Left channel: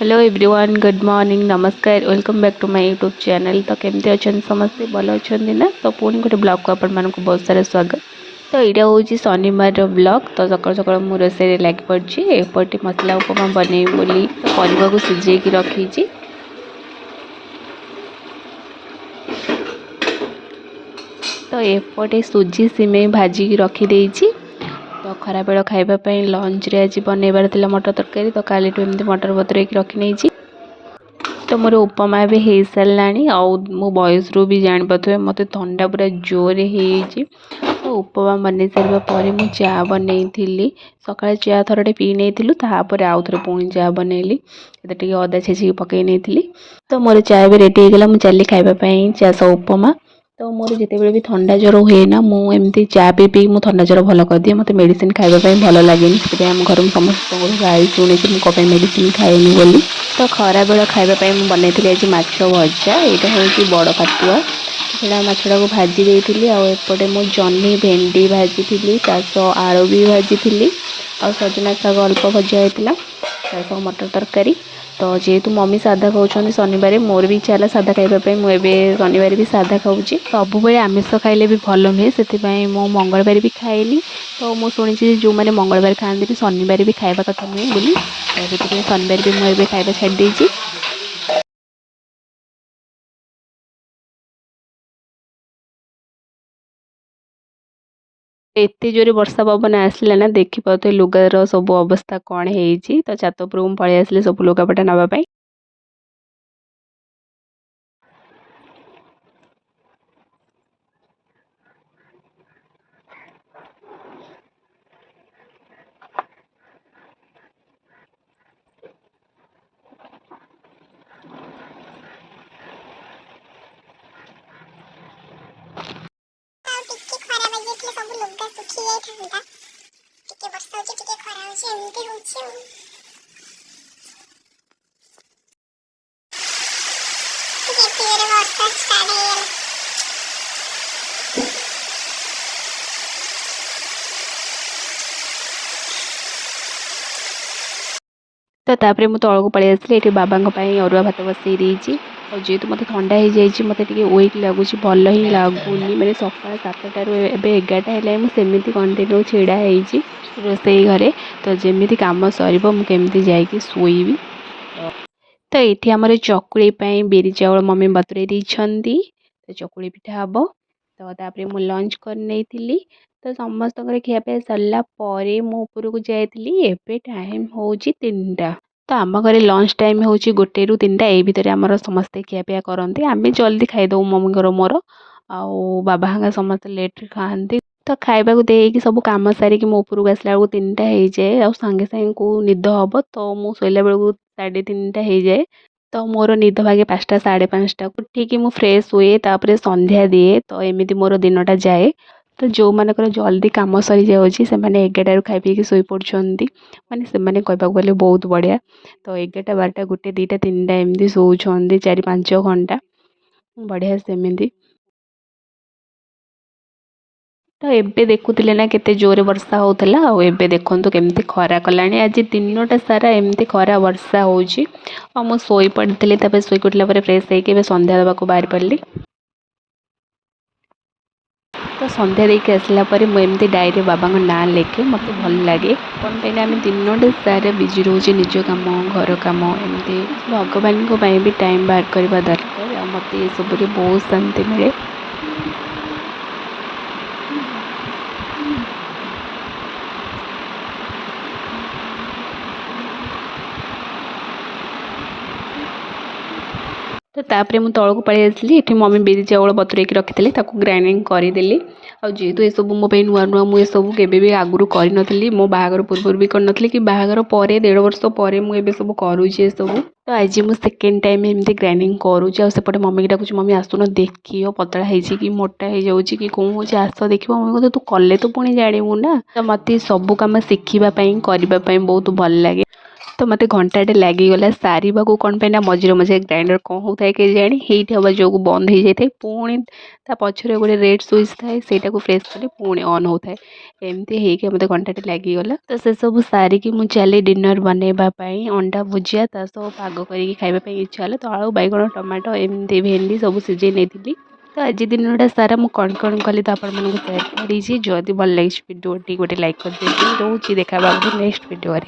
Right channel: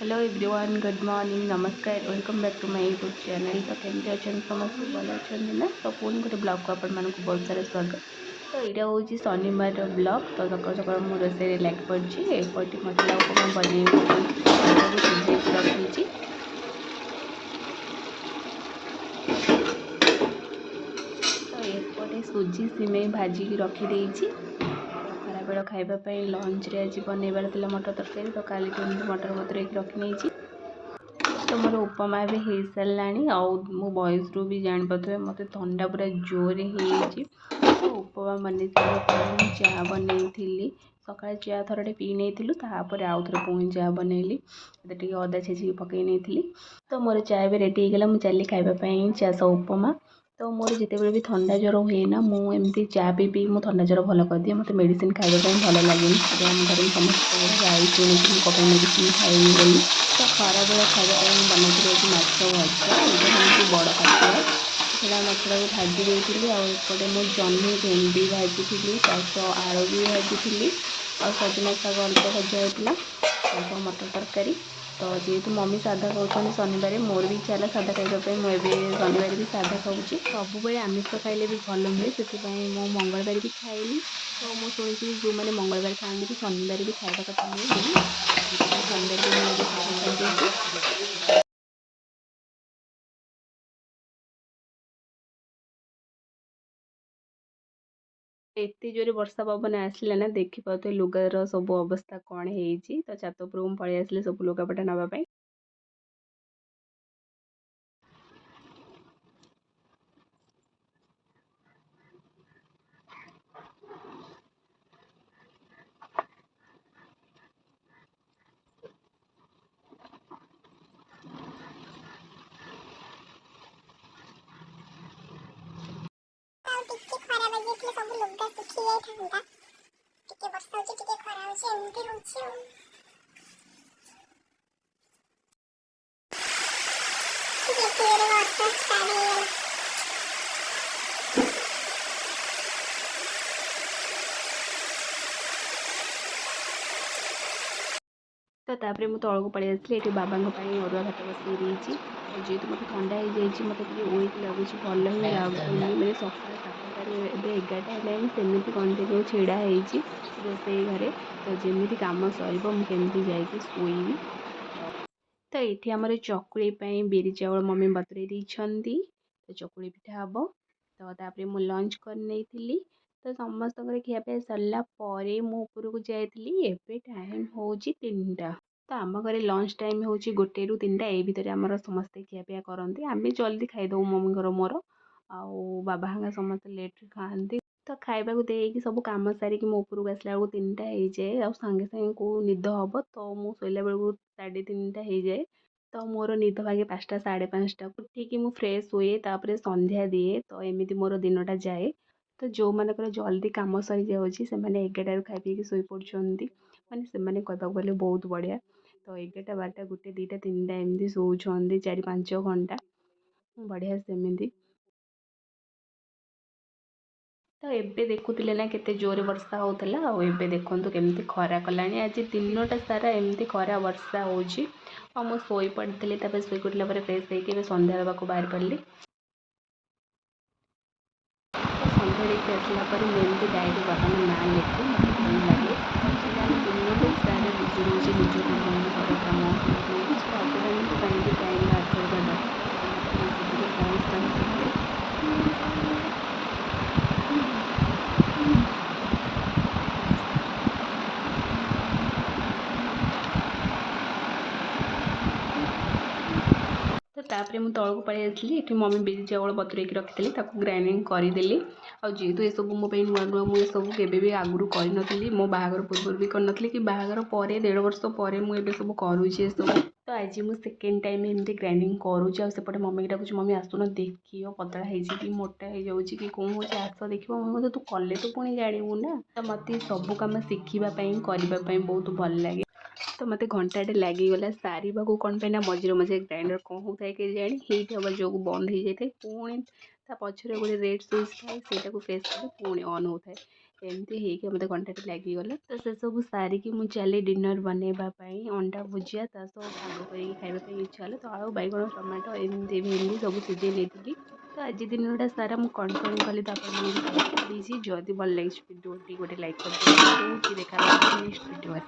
Hello everyone, good morning, नमस्कार, welcome back to my YouTube channel. तो केमती अच्छा समस्ते भल अच्छा ना। तो पुणी गोटे ब्लॉग को आपण मानक बहुत सारा स्वागत। तो यहाँ हूँ शनिवार ब्लॉग। तो सकाल सकाल मु रोसे लग पड़ी एपटे मसला उपमा बनई बोली तो परिवा को सिझे रखी। तो एपटे सुजी सिमेई भाजिकी रखीदे। तो खरा बेल खावाई लंच रे आज बनइबार था मटर तरकारी। तो काली एमती मटर बतुरे रखी नहीं। तो मोर उपमा भी हो सारा मो बयस रू भी जापारे मत थंडा पूरा जोर हो। तो उपमा बन सारापर मुझे चा बनई सका चा थरटे पी नहीं तापर आउ थे पुणी चा बनइली टे अदा छेचिक पकई नहीं। तो मोर चा भी रेडी होगा मुझे चली खावाई चा सह उपमा। तो मोर जिते भी थंडा ज्वर हुए ना मुझे चा पी मुझे थंडा ज्वर भल कर दिए। मत मेडिसिन खावाई भल लगे से आम घर समस्त गाई शुणी मुझे मेडिसिन खाएनी बोली। तो खरा बेल खावाई बनई आज माछ भजा। यहाँ हूँ बड़ पातिआ से माछटा को भाजी देती। आउटे मु जह्नी भेंडी भाजी थी आलू भी भाजी आ सजना शाग अल्प भजा होता मटर तरकारी। तो जेहेतु मम्मी साधा खाऊँ शनिवार मोर भी इच्छा है साधा खावाई मुझे शनिवार भी साधा खाऊँ। सब आमिष खाइले भी भल नुहे से मु मंगलवार भी खाइली। तो मुझे शुणी जो मैंने मंगलवार खाते शनिवार भी खावा कथा नुहे बोली शनिवार भी मुझे खावा छाड़ी। एते जोरे वर्षा पवन आसला ना देखी पाते लुगार सब अवस्था कौन है। तो छात उपर पलि आसले सब लुगापटा नापी। तो तापर मुझे तौक पलि आसली ये बाबा अरुआ भात बसई देती। और जेहेतु मत ठंडा हो जाए मत वीक लगुच भल ही लगुनि मैंने सका 7टार एवं 11टा है मुझे कंटिन्यू ढड़ा रोसई घरे। तो जमी कम सर मुझे जाकि शोबी। तो ये आम चकुड़ी बिरी चाउल मम्मी बतुरे देती। तो चकुड़ी पिठा हम। तो तापर मुझे लंच कर नहीं। तो समस्त खियापी सरला मु उपरकू जाइली। एबे टाइम हूँ 3टा। तो आम घर लंच टाइम हूँ 1 ରୁ 3ଟା ये भितर आमर समस्ते खियापिया करते। आम जल्दी खाईदे मम्मी मोर आउ बाबा हाँ समस्त लेट खाती। तो खावा को देकी सब कम सारिकी मो उपरकू आसला बेलू 3टा हो जाए आ सांगे सांगे को निद हम। तो मु शोला बेलू 3:30 हो जाए। तो मोर निद भागे 5टा 5:30 उठिकी मु फ्रेश हुए तापर संध्या दिए। तो एमती मोर दिनटा जाए। तो जो मानकर जल्दी कम सरी जाऊँगी से 11टारू खाई पीकी शोई पड़ुंट माने से कहवाक गले बहुत बढ़िया। तो 11टा 12टा 1 2टा 3टा एमती शोचती 4-5 घंटा बढ़िया सेमती। तो एबे देखुले ना केते जोरे वर्षा होता आबे देखु केमती खरा कला। आज दिनटा सारा एमती खरा वर्षा होची। और मुझे शोई पड़ी शोई पड़ला फ्रेश होकर संध्या देवाक बाहर पड़ी। तो संध्या देके आसला मुझे डायरी बाबा ना लिखे मत भल लगे। कौन कहीं आम दिनटा सारा बिजी रोचे निज कम घर कम एमती भगवान भी टाइम बाहर करवा दरकार। मत ये सब बहुत शांति मिले। तो तापर मुझे तौक पलि आसली ये मम्मी बिरी चाउल बतुरे रखी ग्राइंडिंग करदेली। जेहेतु ये सब मो नुआ नुआ मुझे सब के आगुरी कर मो बाहागर पूर्व भी करनी कि बाहागर पर 1.5 वर्ष पर मुझे सब करुँचे सब। तो आज मुझे सेकेंड टाइम एमती ग्राइंडिंग करुँचे। सेपटे मम्मी की डाकुची मम्मी आसुन देख पतला है कि मोटा हो कि कौन हो आस देख मम्मी कहते तू कले तो पुणी जानू ना। तो मत सब कम शिखापी करने बहुत भल लगे। तो मत घंटाटे लगिगला सारे कौन पे मझे मझे ग्राइंडर कौन होता है केजाणी हीट हवा जो बंद हो जाए पुणी ता पछरे गोटे रेड स्विच थाए से प्रेस कले पुणी ऑन होता है एमती हो मत घंटाटे लगिगला तो से सब सारिकी मुझे चली डिनर बनवाई अंडा भुजिया ता सब पाग करके खावाई इच्छा है तो आलू बैगण टमाटो एमती भेंडी सब सीझे नहीं तो आज दिन सारा मुझे कौन कली तो आपको सेयार करी जदि भल लगी भिडियो गोटे लाइक कर रोचे देखा नेक्स्ट वीडियो।